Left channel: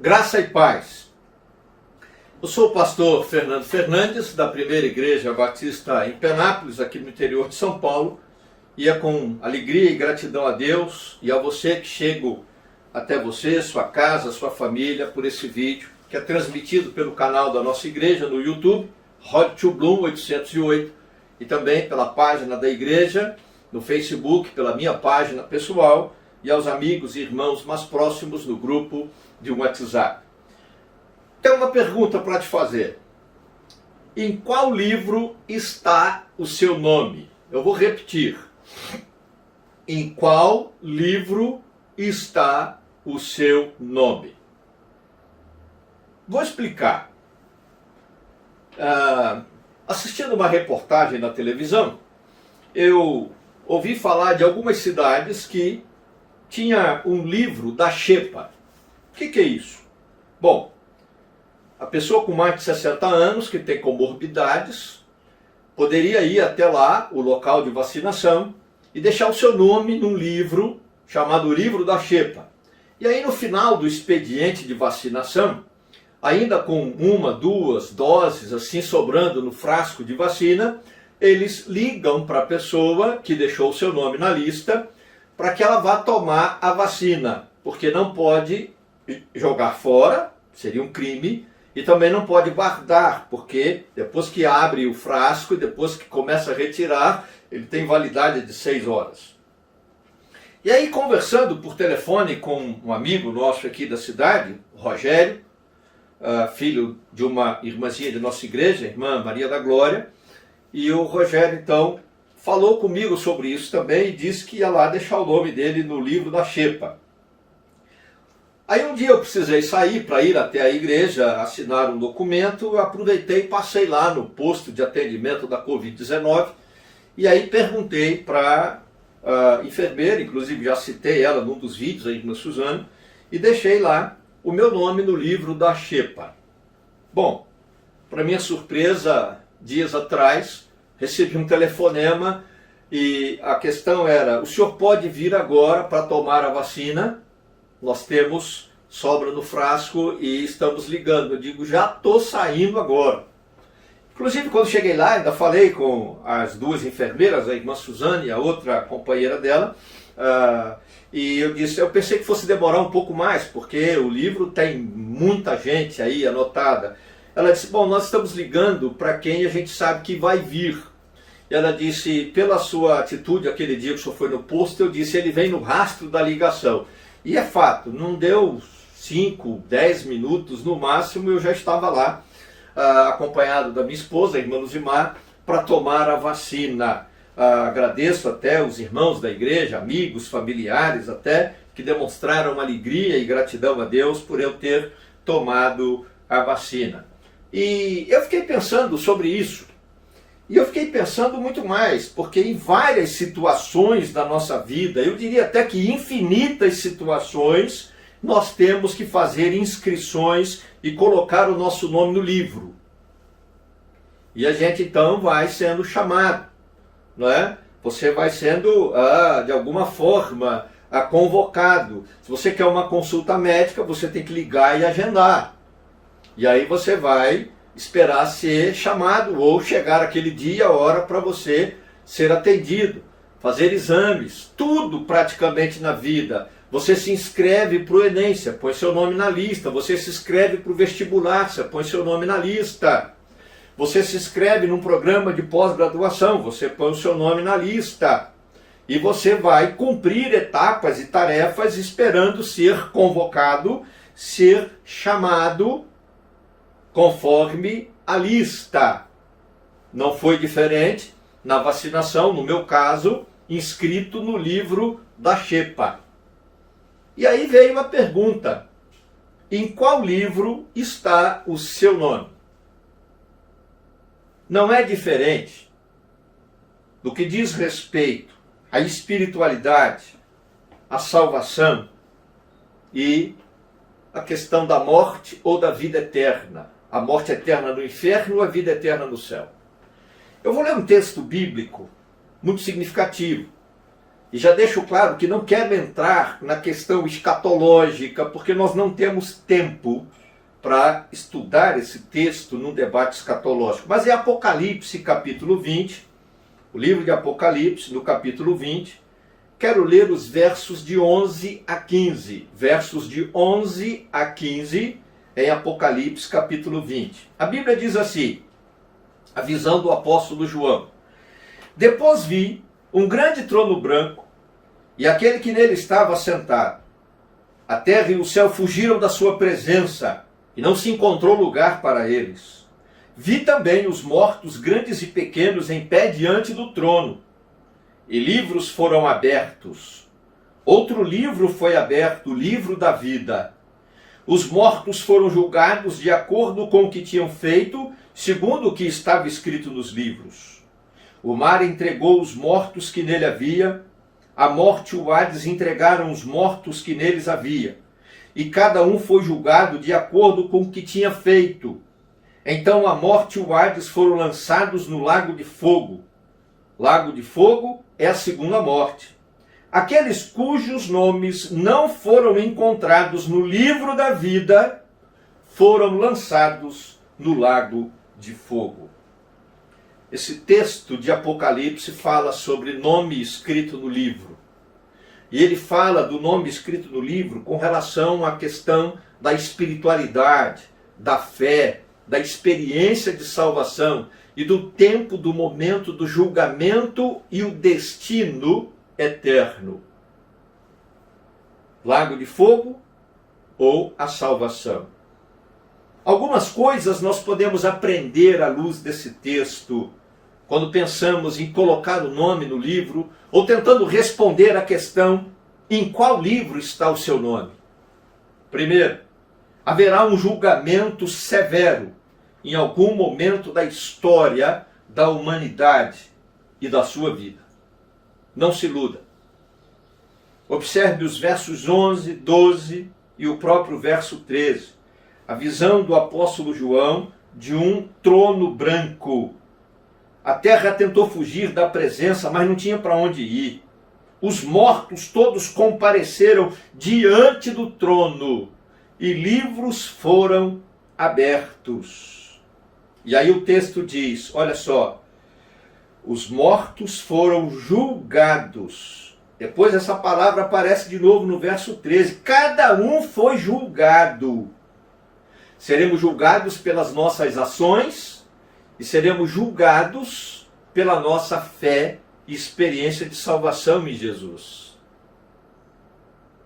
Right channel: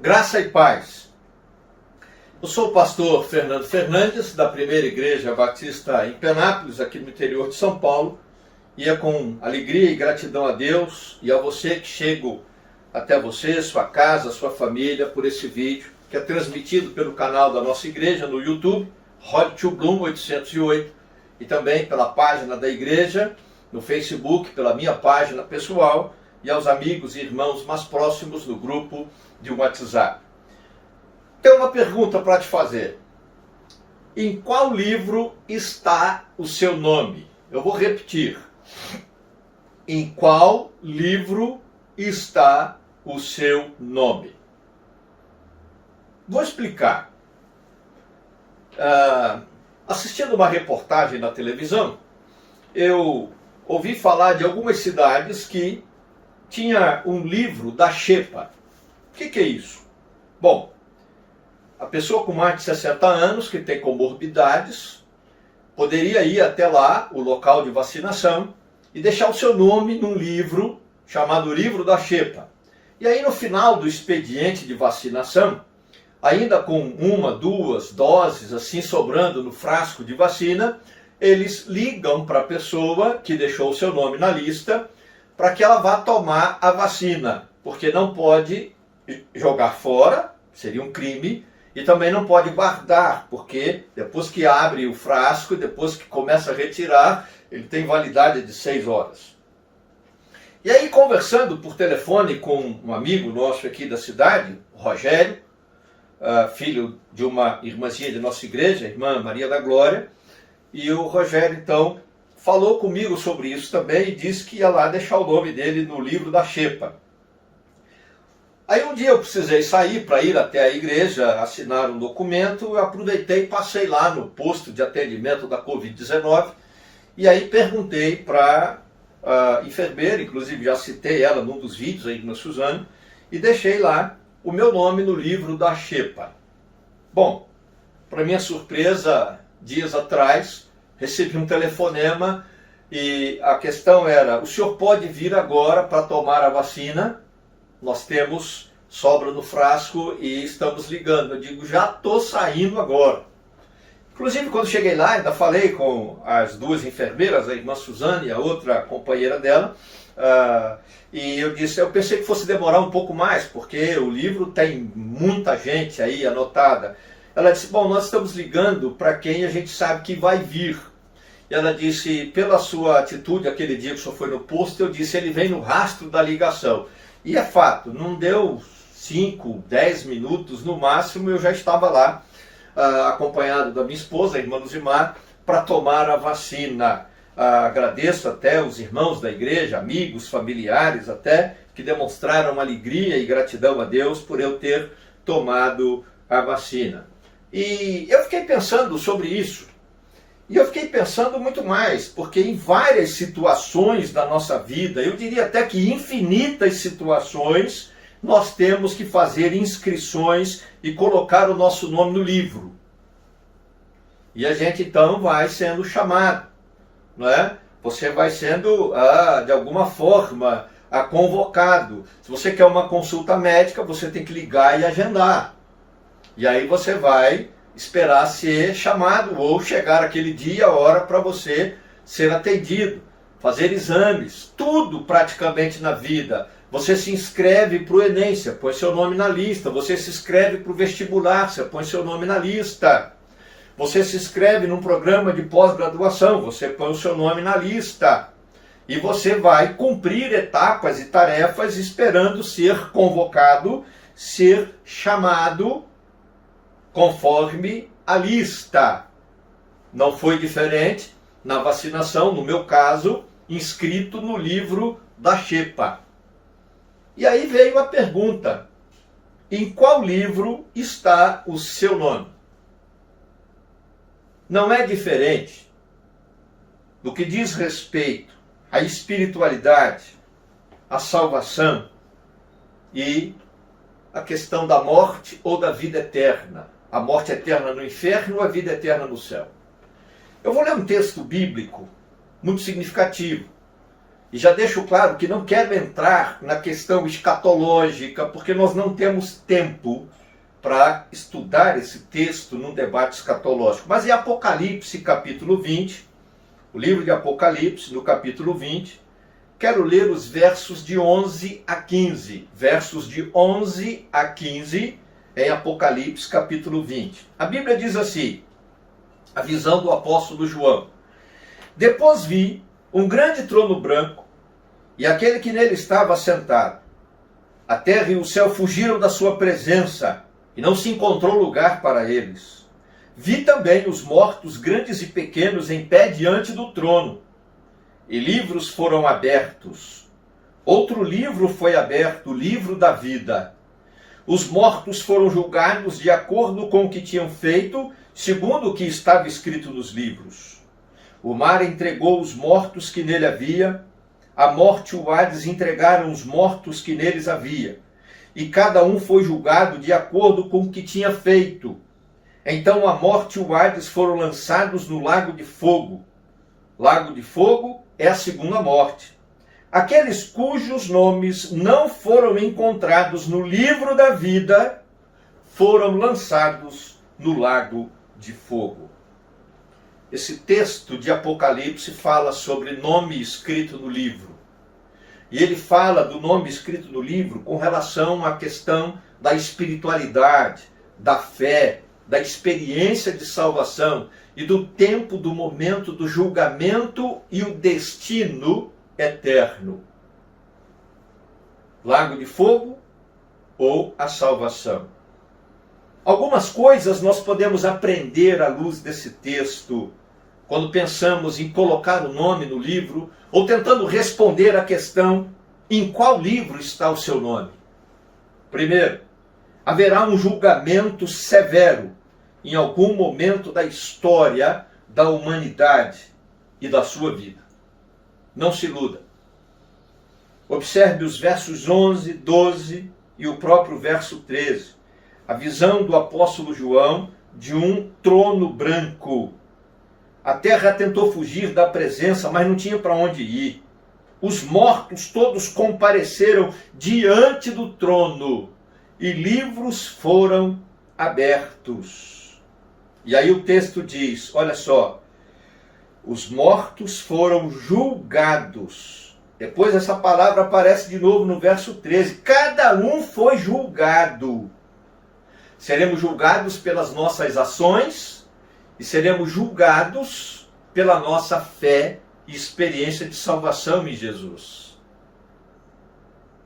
Graça e paz. Eu sou o pastor Fernando Fernandes, da Primeira Igreja Batista em Penápolis, aqui no interior de São Paulo, e é com alegria e gratidão a Deus e a você que chego até você, sua casa, sua família, por esse vídeo, que é transmitido pelo canal da nossa igreja no YouTube, Road to Bloom 808, e também pela página da igreja, no Facebook, pela minha página pessoal, e aos amigos e irmãos mais próximos no grupo de WhatsApp. Tenho uma pergunta para te fazer. Em qual livro está o seu nome? Eu vou repetir. Em qual livro está o seu nome? Vou explicar. Assistindo uma reportagem na televisão, eu ouvi falar de algumas cidades que tinha um livro da Xepa. O que é isso? Bom, a pessoa com mais de 60 anos, que tem comorbidades, poderia ir até lá, o local de vacinação, e deixar o seu nome num livro chamado Livro da Xepa. E aí no final do expediente de vacinação, ainda com uma, duas doses assim sobrando no frasco de vacina, eles ligam para a pessoa que deixou o seu nome na lista para que ela vá tomar a vacina, porque não pode jogar fora, seria um crime, e também não pode guardar, porque depois que abre o frasco e depois que começa a retirar, ele tem validade de 6 horas. E aí, conversando por telefone com um amigo nosso aqui da cidade, o Rogério, filho de uma irmãzinha de nossa igreja, a irmã Maria da Glória, e o Rogério, então, falou comigo sobre isso também e disse que ia lá deixar o nome dele no livro da Xepa. Aí um dia eu precisei sair para ir até a igreja, assinar um documento, eu aproveitei e passei lá no posto de atendimento da Covid-19 e aí perguntei para a enfermeira, inclusive já citei ela num dos vídeos, a irmã Suzane, e deixei lá o meu nome no livro da Xepa. Bom, para minha surpresa, dias atrás, recebi um telefonema e a questão era: o senhor pode vir agora para tomar a vacina? Nós temos sobra no frasco e estamos ligando. Eu digo, já estou saindo agora. Inclusive, quando cheguei lá, ainda falei com as duas enfermeiras, a irmã Suzane e a outra companheira dela, e eu disse, eu pensei que fosse demorar um pouco mais, porque o livro tem muita gente aí anotada. Ela disse, bom, nós estamos ligando para quem a gente sabe que vai vir. E ela disse, pela sua atitude aquele dia que o senhor foi no posto, eu disse, ele vem no rastro da ligação. E é fato, não deu 5, 10 minutos no máximo, eu já estava lá, acompanhado da minha esposa, a irmã Luzimar, para tomar a vacina. Agradeço até os irmãos da igreja, amigos, familiares até, que demonstraram alegria e gratidão a Deus por eu ter tomado a vacina. E eu fiquei pensando sobre isso. E eu fiquei pensando muito mais, porque em várias situações da nossa vida, eu diria até que infinitas situações, nós temos que fazer inscrições e colocar o nosso nome no livro. E a gente então vai sendo chamado, não é? Você vai sendo, de alguma forma, convocado. Se você quer uma consulta médica, você tem que ligar e agendar. E aí você vai esperar ser chamado ou chegar aquele dia, a hora para você ser atendido, fazer exames, tudo praticamente na vida. Você se inscreve para o Enem, você põe seu nome na lista. Você se inscreve para o vestibular, você põe seu nome na lista. Você se inscreve num programa de pós-graduação, você põe o seu nome na lista. E você vai cumprir etapas e tarefas esperando ser convocado, ser chamado conforme a lista. Não foi diferente na vacinação, no meu caso, inscrito no livro da Xepa. E aí veio a pergunta: em qual livro está o seu nome? Não é diferente do que diz respeito à espiritualidade, à salvação e a questão da morte ou da vida eterna. A morte eterna no inferno ou a vida eterna no céu. Eu vou ler um texto bíblico muito significativo, E já deixo claro que não quero entrar na questão escatológica, porque nós não temos tempo para estudar esse texto num debate escatológico. Mas é Apocalipse, capítulo 20, o livro de Apocalipse, no capítulo 20. Quero ler os versos de 11 a 15. Versos de 11 a 15 em Apocalipse, capítulo 20. A Bíblia diz assim, a visão do apóstolo João. Depois vi um grande trono branco, e aquele que nele estava assentado. A terra e o céu fugiram da sua presença, e não se encontrou lugar para eles. Vi também os mortos, grandes e pequenos, em pé diante do trono, e livros foram abertos. Outro livro foi aberto, o livro da vida. Os mortos foram julgados de acordo com o que tinham feito, segundo o que estava escrito nos livros. O mar entregou os mortos que nele havia, a morte e o Hades entregaram os mortos que neles havia, e cada um foi julgado de acordo com o que tinha feito. Então a morte e o Hades foram lançados no lago de fogo. Lago de fogo é a segunda morte. Aqueles cujos nomes não foram encontrados no livro da vida foram lançados no lago de fogo. Esse texto de Apocalipse fala sobre nome escrito no livro. E ele fala do nome escrito no livro com relação à questão da espiritualidade, da fé, da experiência de salvação e do tempo, do momento do julgamento e o destino eterno. Lago de fogo ou a salvação. Algumas coisas nós podemos aprender à luz desse texto quando pensamos em colocar o nome no livro ou tentando responder à questão em qual livro está o seu nome. Primeiro, haverá um julgamento severo em algum momento da história da humanidade e da sua vida. Não se iluda. Observe os versos 11, 12 e o próprio verso 13. A visão do apóstolo João de um trono branco. A terra tentou fugir da presença, mas não tinha para onde ir. Os mortos todos compareceram diante do trono e livros foram abertos. E aí o texto diz, olha só, os mortos foram julgados. Depois essa palavra aparece de novo no verso 13. Cada um foi julgado. Seremos julgados pelas nossas ações e seremos julgados pela nossa fé e experiência de salvação em Jesus.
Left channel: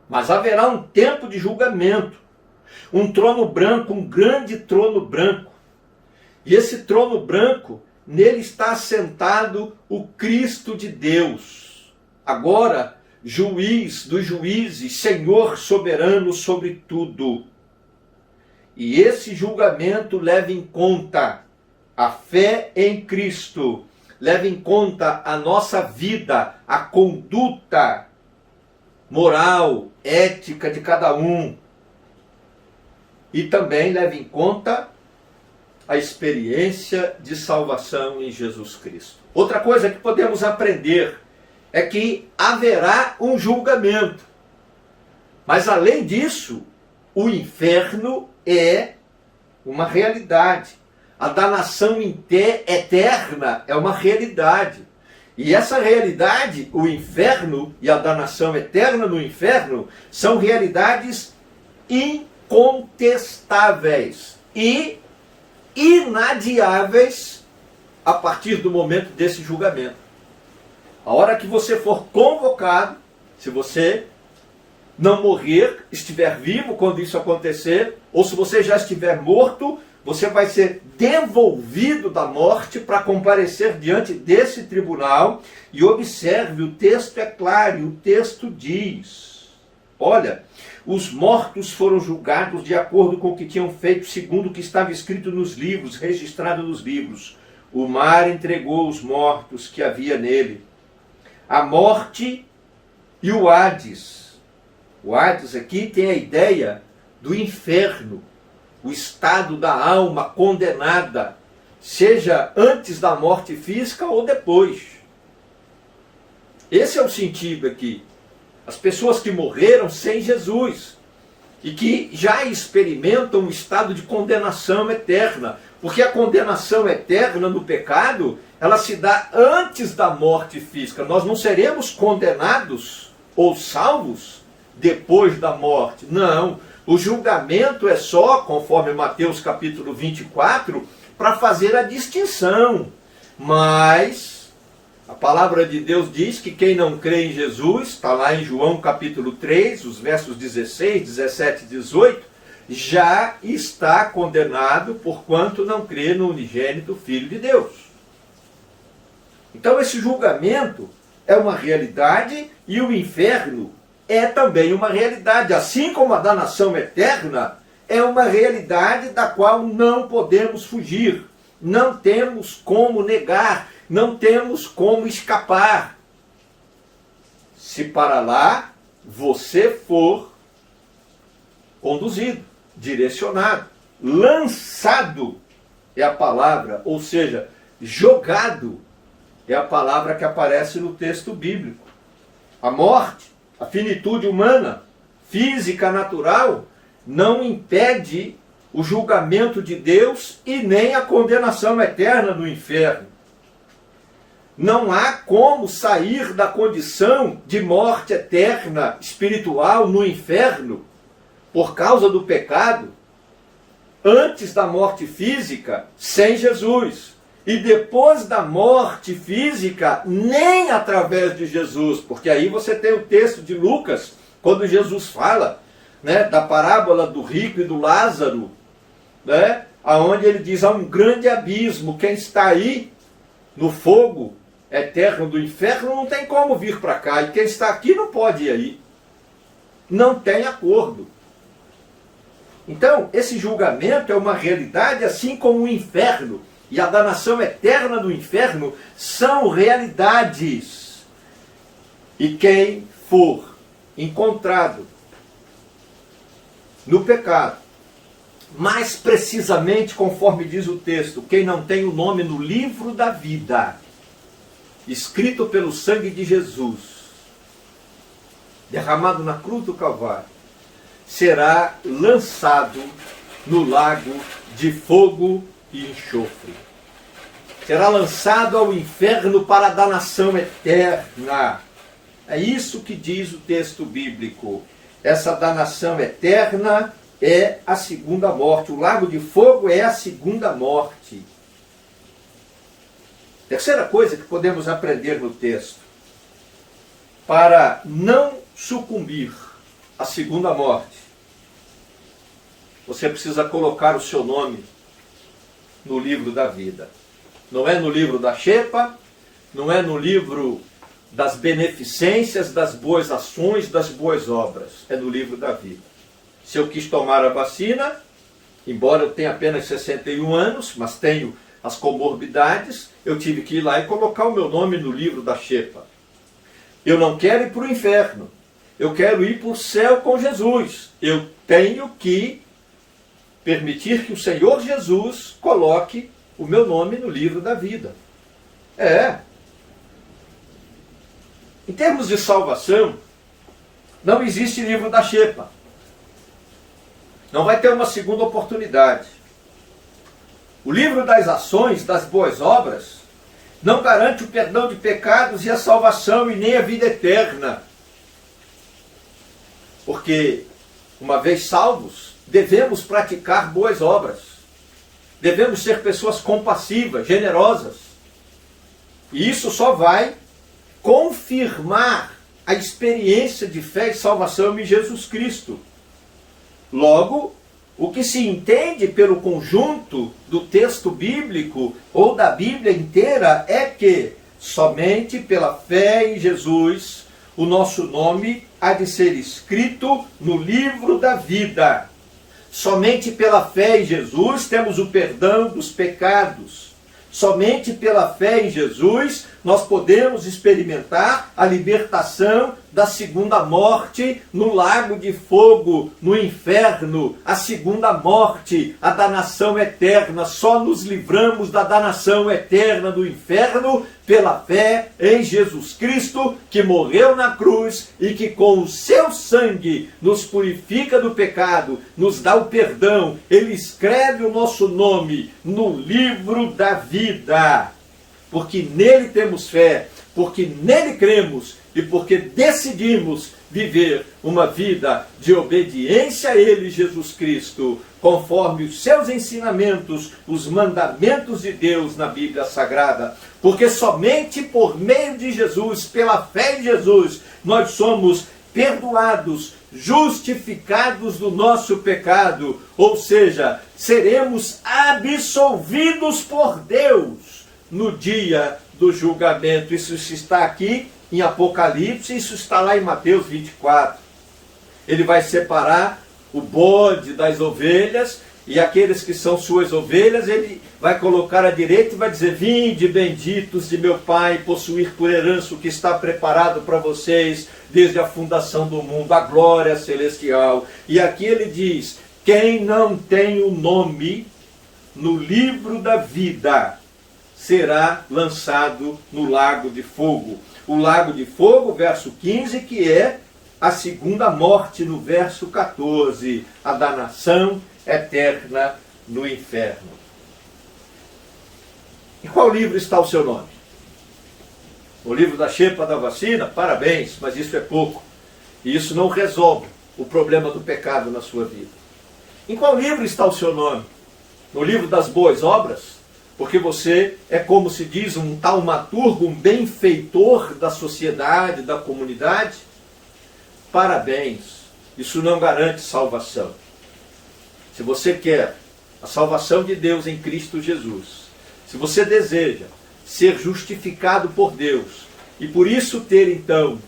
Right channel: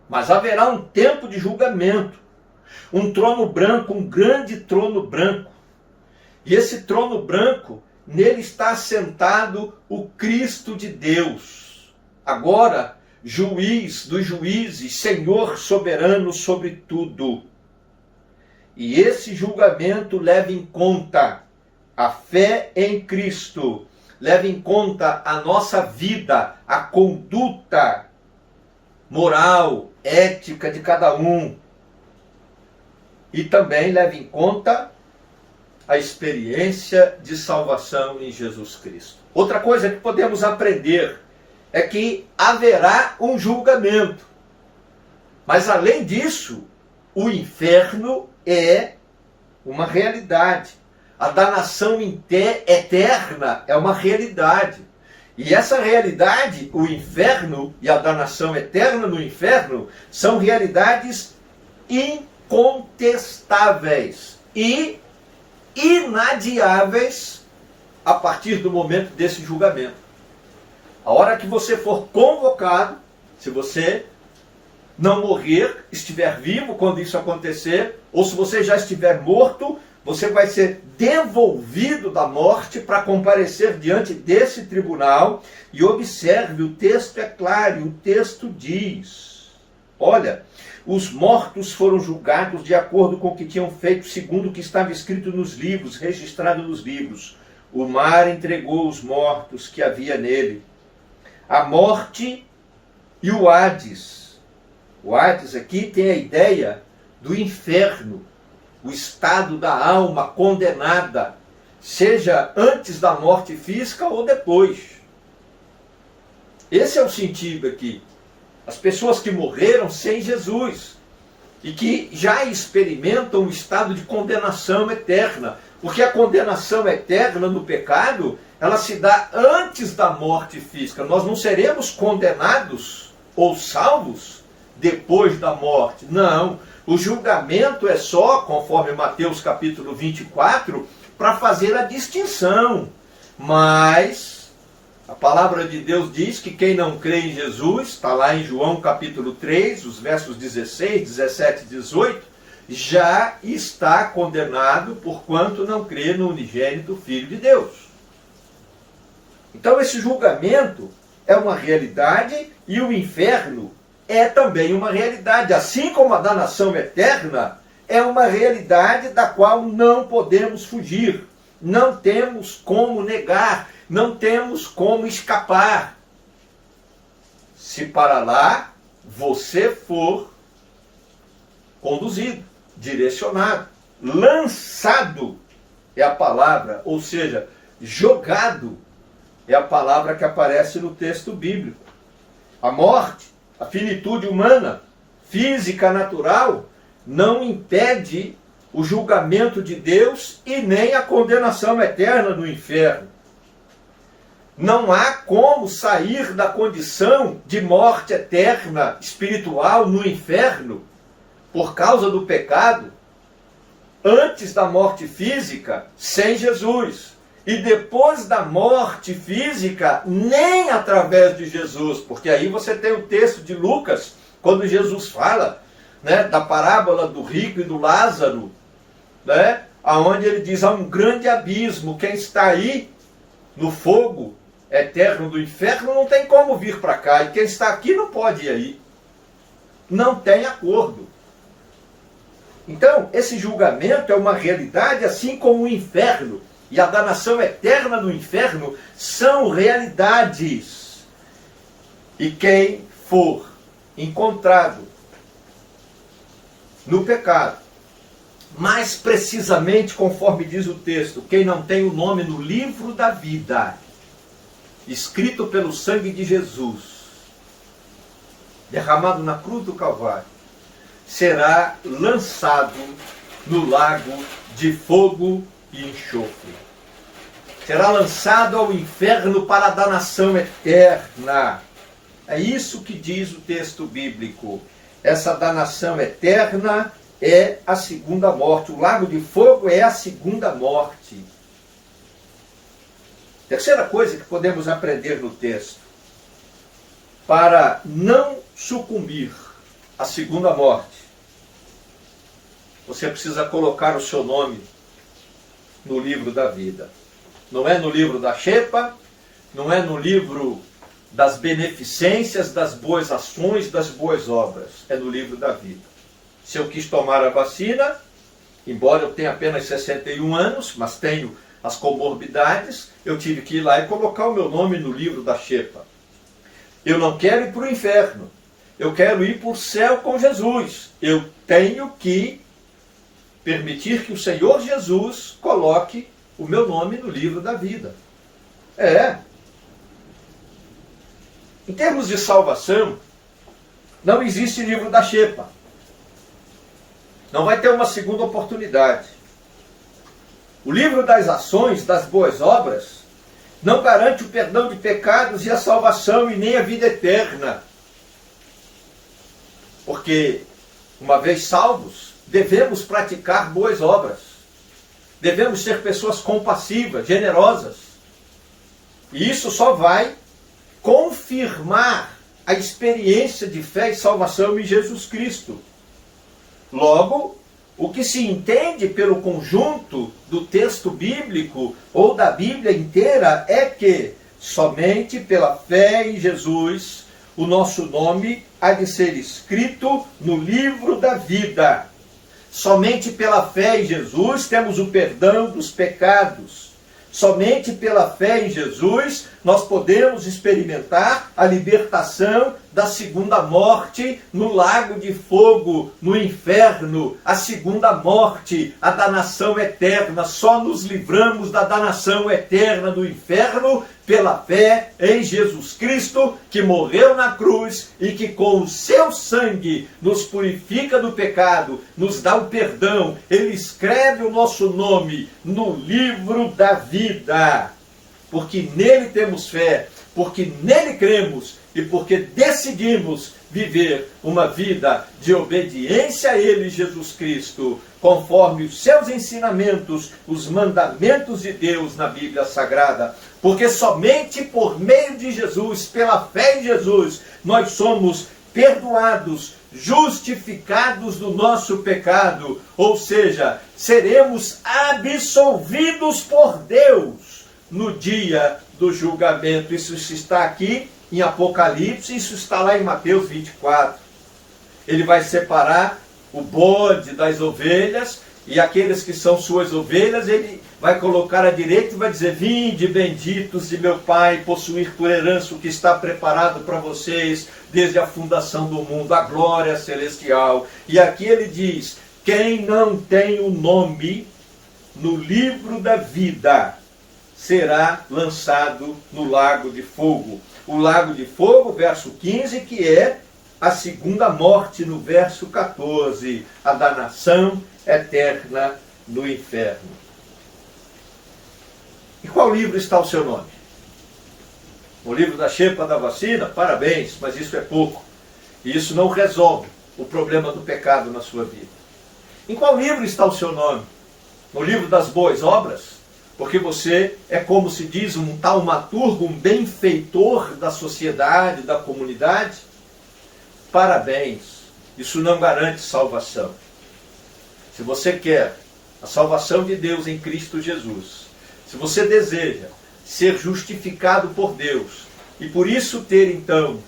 Mas haverá um tempo de julgamento, um trono branco, um grande trono branco. E esse trono branco, nele está assentado o Cristo de Deus. Agora, juiz dos juízes, Senhor soberano sobre tudo. E esse julgamento leva em conta a fé em Cristo, leva em conta a nossa vida, a conduta moral, ética de cada um. E também leva em conta a experiência de salvação em Jesus Cristo. Outra coisa que podemos aprender é que haverá um julgamento. Mas além disso, o inferno é uma realidade. A danação eterna é uma realidade. E essa realidade, o inferno e a danação eterna no inferno, são realidades incontestáveis e inadiáveis a partir do momento desse julgamento. A hora que você for convocado, se você não morrer, estiver vivo quando isso acontecer, ou se você já estiver morto, você vai ser devolvido da morte para comparecer diante desse tribunal. E observe, o texto é claro, o texto diz, olha, os mortos foram julgados de acordo com o que tinham feito, segundo o que estava escrito nos livros, registrado nos livros. O mar entregou os mortos que havia nele. A morte e o Hades. O Hades aqui tem a ideia do inferno, o estado da alma condenada, seja antes da morte física ou depois. Esse é o sentido aqui. As pessoas que morreram sem Jesus e que já experimentam um estado de condenação eterna, porque a condenação eterna no pecado, ela se dá antes da morte física. Nós não seremos condenados ou salvos depois da morte. Não. O julgamento é só, conforme Mateus capítulo 24, para fazer a distinção. Mas a palavra de Deus diz que quem não crê em Jesus, está lá em João capítulo 3, os versos 16, 17 e 18, já está condenado porquanto não crê no unigênito Filho de Deus. Então esse julgamento é uma realidade e o inferno é também uma realidade. Assim como a danação eterna é uma realidade da qual não podemos fugir. Não temos como negar, não temos como escapar. Se para lá você for conduzido, direcionado, lançado é a palavra, ou seja, jogado é a palavra que aparece no texto bíblico. A morte, a finitude humana, física, natural, não impede o julgamento de Deus e nem a condenação eterna do inferno. Não há como sair da condição de morte eterna espiritual no inferno por causa do pecado antes da morte física sem Jesus. E depois da morte física, nem através de Jesus, porque aí você tem o texto de Lucas, quando Jesus fala, né, da parábola do rico e do Lázaro, né, onde ele diz, há um grande abismo, quem está aí no fogo eterno do inferno não tem como vir para cá, e quem está aqui não pode ir aí. Não tem acordo. Então, esse julgamento é uma realidade, assim como o inferno e a danação eterna do inferno são realidades. E quem for encontrado no pecado, mais precisamente conforme diz o texto, quem não tem o nome no livro da vida, escrito pelo sangue de Jesus, derramado na cruz do Calvário, será lançado no lago de fogo e enxofre. Será lançado ao inferno para a danação eterna. É isso que diz o texto bíblico. Essa danação eterna é a segunda morte. O lago de fogo é a segunda morte. Terceira coisa que podemos aprender no texto. Para não sucumbir à segunda morte, você precisa colocar o seu nome no livro da vida. Não é no livro da xepa, não é no livro das beneficências, das boas ações, das boas obras. É no livro da vida. Se eu quis tomar a vacina, embora eu tenha apenas 61 anos, mas tenho as comorbidades, eu tive que ir lá e colocar o meu nome no livro da xepa. Eu não quero ir para o inferno. Eu quero ir para o céu com Jesus. Eu tenho que permitir que o Senhor Jesus coloque o meu nome no livro da vida. Em termos de salvação, não existe livro da xepa. Não vai ter uma segunda oportunidade. O livro das ações, das boas obras, não garante o perdão de pecados e a salvação e nem a vida eterna. Porque, uma vez salvos, devemos praticar boas obras. Devemos ser pessoas compassivas, generosas. E isso só vai confirmar a experiência de fé e salvação em Jesus Cristo. Logo, o que se entende pelo conjunto do texto bíblico ou da Bíblia inteira é que somente pela fé em Jesus o nosso nome há de ser escrito no livro da vida. Somente pela fé em Jesus temos o perdão dos pecados. Somente pela fé em Jesus nós podemos experimentar a libertação da segunda morte no lago de fogo, no inferno, a segunda morte, a danação eterna. Só nos livramos da danação eterna do inferno pela fé em Jesus Cristo, que morreu na cruz e que com o seu sangue nos purifica do pecado, nos dá o perdão. Ele escreve o nosso nome no livro da vida, porque nele temos fé, porque nele cremos e porque decidimos viver uma vida de obediência a ele, Jesus Cristo, conforme os seus ensinamentos, os mandamentos de Deus na Bíblia Sagrada. Porque somente por meio de Jesus, pela fé em Jesus, nós somos perdoados, justificados do nosso pecado, ou seja, seremos absolvidos por Deus no dia do julgamento. Isso está aqui em Apocalipse, isso está lá em Mateus 24. Ele vai separar o bode das ovelhas, e aqueles que são suas ovelhas, ele vai colocar à direita e vai dizer: vinde, benditos de meu Pai, possuir por herança o que está preparado para vocês desde a fundação do mundo, a glória celestial. E aqui ele diz: quem não tem o nome no livro da vida será lançado no lago de fogo. O lago de fogo, verso 15, que é a segunda morte, no verso 14, a danação eterna no inferno. Em qual livro está o seu nome? No livro da xepa da vacina? Parabéns, mas isso é pouco. E isso não resolve o problema do pecado na sua vida. Em qual livro está o seu nome? No livro das boas obras? Porque você é, como se diz, um taumaturgo, um benfeitor da sociedade, da comunidade? Parabéns, isso não garante salvação. Se você quer a salvação de Deus em Cristo Jesus, se você deseja ser justificado por Deus e por isso ter então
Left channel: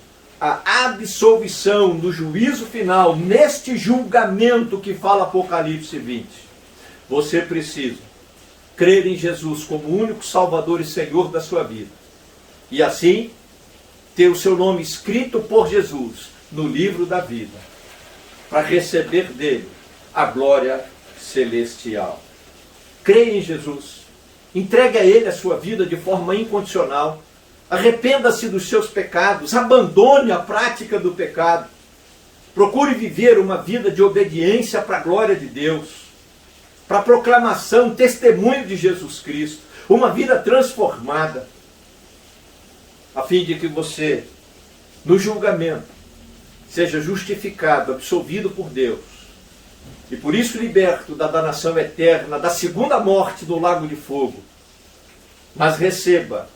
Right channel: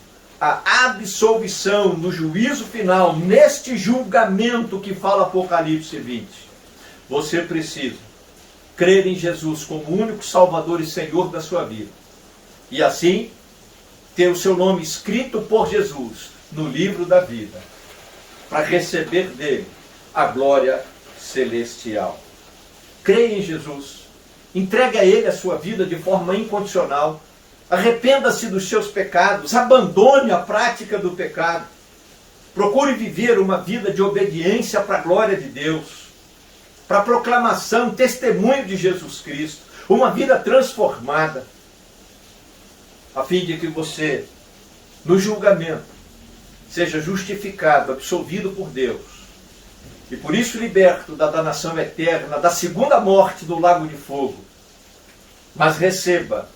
a absolvição no juízo final, neste julgamento que fala Apocalipse 20, você precisa crer em Jesus como único Salvador e Senhor da sua vida. E assim, ter o seu nome escrito por Jesus no livro da vida, para receber dele a glória celestial. Creia em Jesus, entregue a ele a sua vida de forma incondicional, arrependa-se dos seus pecados, abandone a prática do pecado, procure viver uma vida de obediência para a glória de Deus, para a proclamação, testemunho de Jesus Cristo, uma vida transformada, a fim de que você, no julgamento, seja justificado, absolvido por Deus, e por isso liberto da danação eterna, da segunda morte do lago de fogo, mas receba,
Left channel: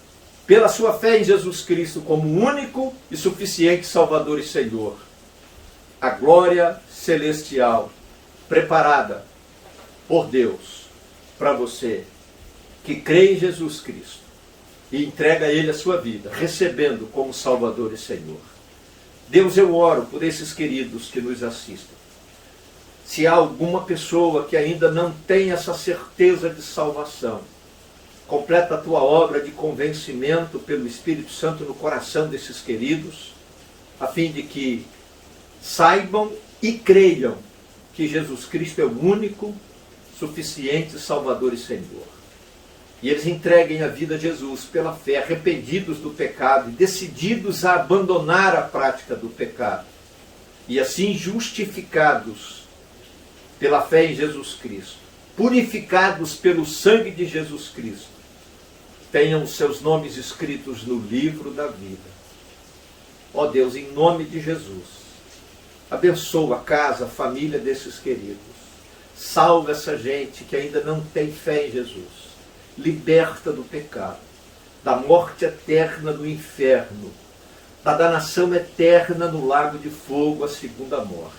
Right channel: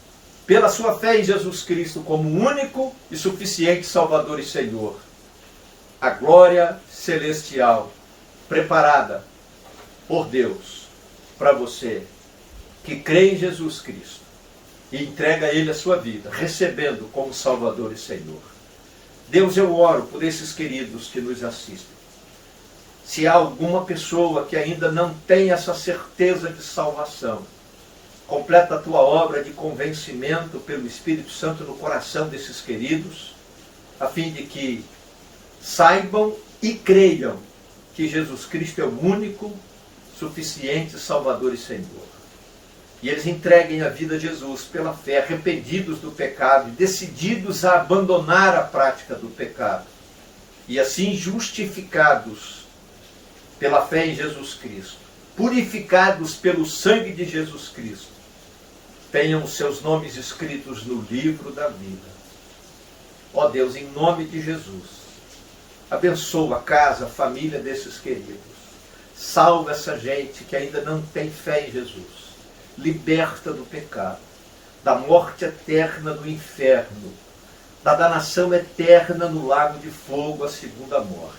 pela sua fé em Jesus Cristo, como único e suficiente Salvador e Senhor, a glória celestial preparada por Deus para você que crê em Jesus Cristo e entrega a ele a sua vida, recebendo como Salvador e Senhor. Deus, eu oro por esses queridos que nos assistem. Se há alguma pessoa que ainda não tem essa certeza de salvação, completa a tua obra de convencimento pelo Espírito Santo no coração desses queridos, a fim de que saibam e creiam que Jesus Cristo é o único, suficiente Salvador e Senhor. E eles entreguem a vida a Jesus pela fé, arrependidos do pecado e decididos a abandonar a prática do pecado. E assim justificados pela fé em Jesus Cristo, purificados pelo sangue de Jesus Cristo, tenham os seus nomes escritos no livro da vida. Ó Deus, em nome de Jesus, abençoa a casa, a família desses queridos. Salva essa gente que ainda não tem fé em Jesus. Liberta do pecado, da morte eterna no inferno, da danação eterna no lago de fogo, a segunda morte.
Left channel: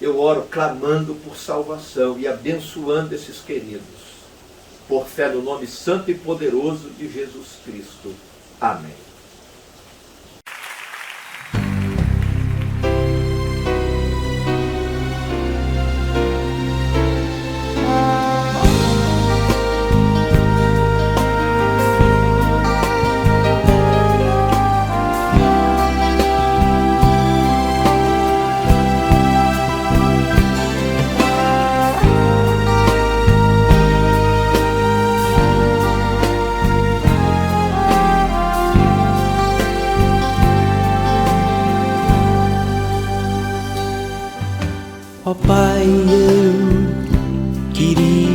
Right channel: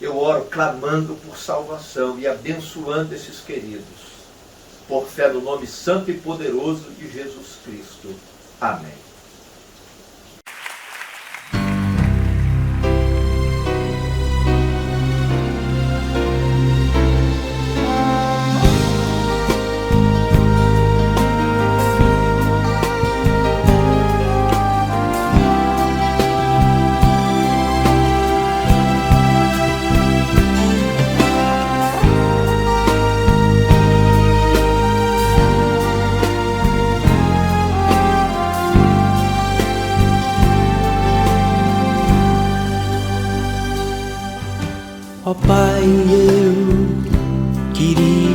Eu oro clamando por salvação e abençoando esses queridos, por fé no nome santo e poderoso de Jesus Cristo. Amém.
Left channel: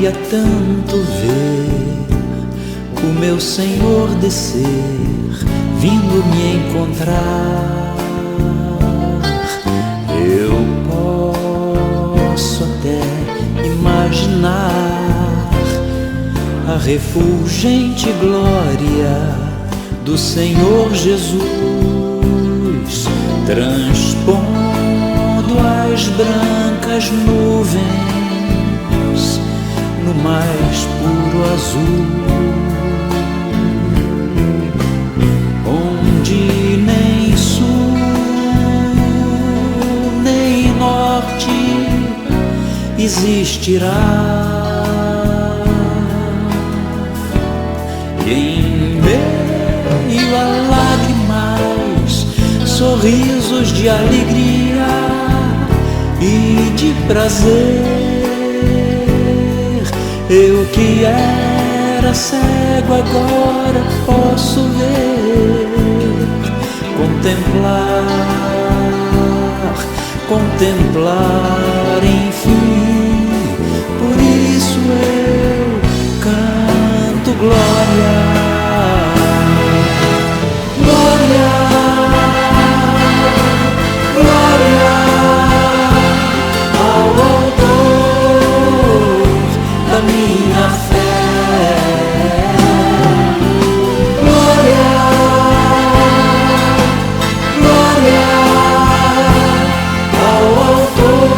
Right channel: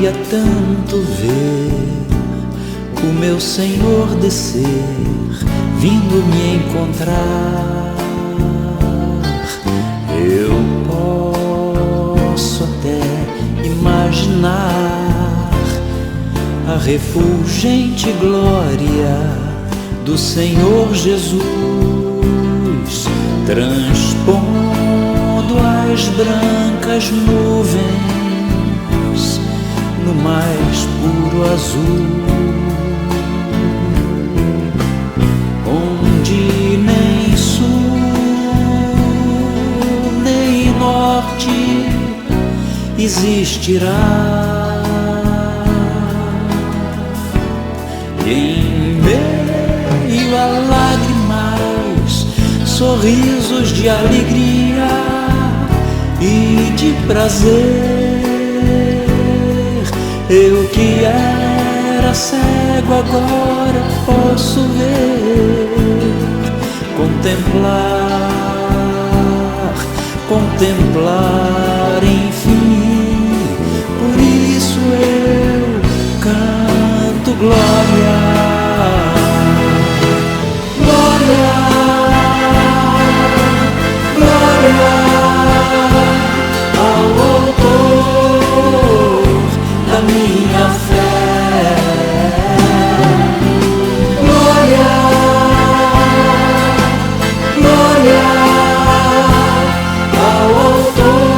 queria tanto ver o meu Senhor descer, vindo me encontrar. Eu posso até imaginar a refulgente glória do Senhor Jesus, transpondo as brancas nuvens no mais puro azul, onde nem sul nem norte existirá. E em meio a lágrimas, sorrisos de alegria e de prazer, eu que era cego agora posso ver, contemplar, enfim. Por isso eu canto glória, glória, glória ao Autor da minha fé. Glória, glória ao Autor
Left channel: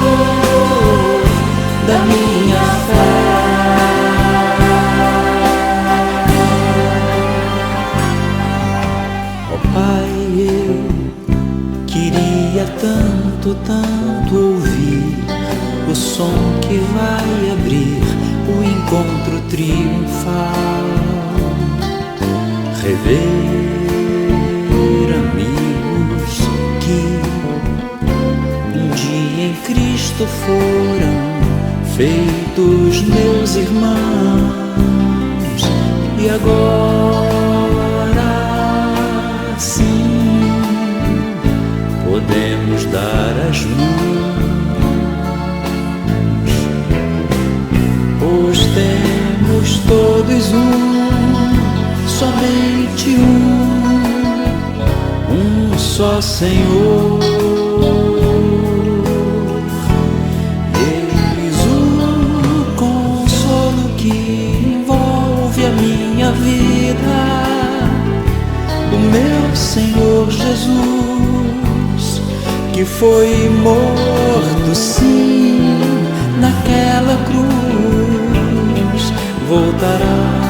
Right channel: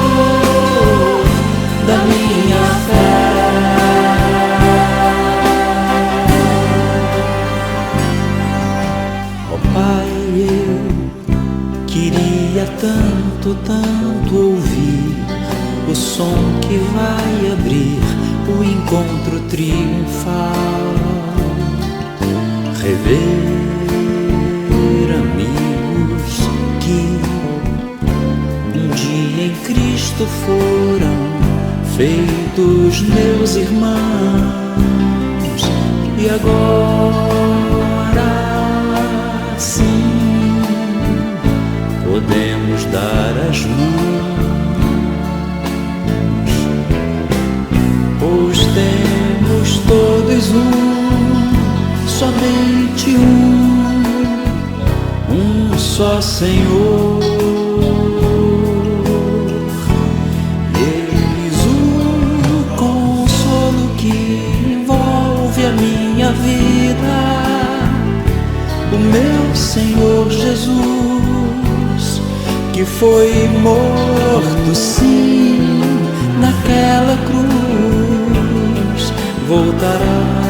da minha fé. Ó Pai, eu queria tanto, tanto ouvir o som que vai abrir o encontro triunfal, rever amigos que um dia em Cristo foram feitos meus irmãos, e agora sim podemos dar as mãos, pois temos todos somente um só Senhor. Eis o consolo que envolve a minha vida, o meu Senhor Jesus, que foi morto sim naquela cruz, voltará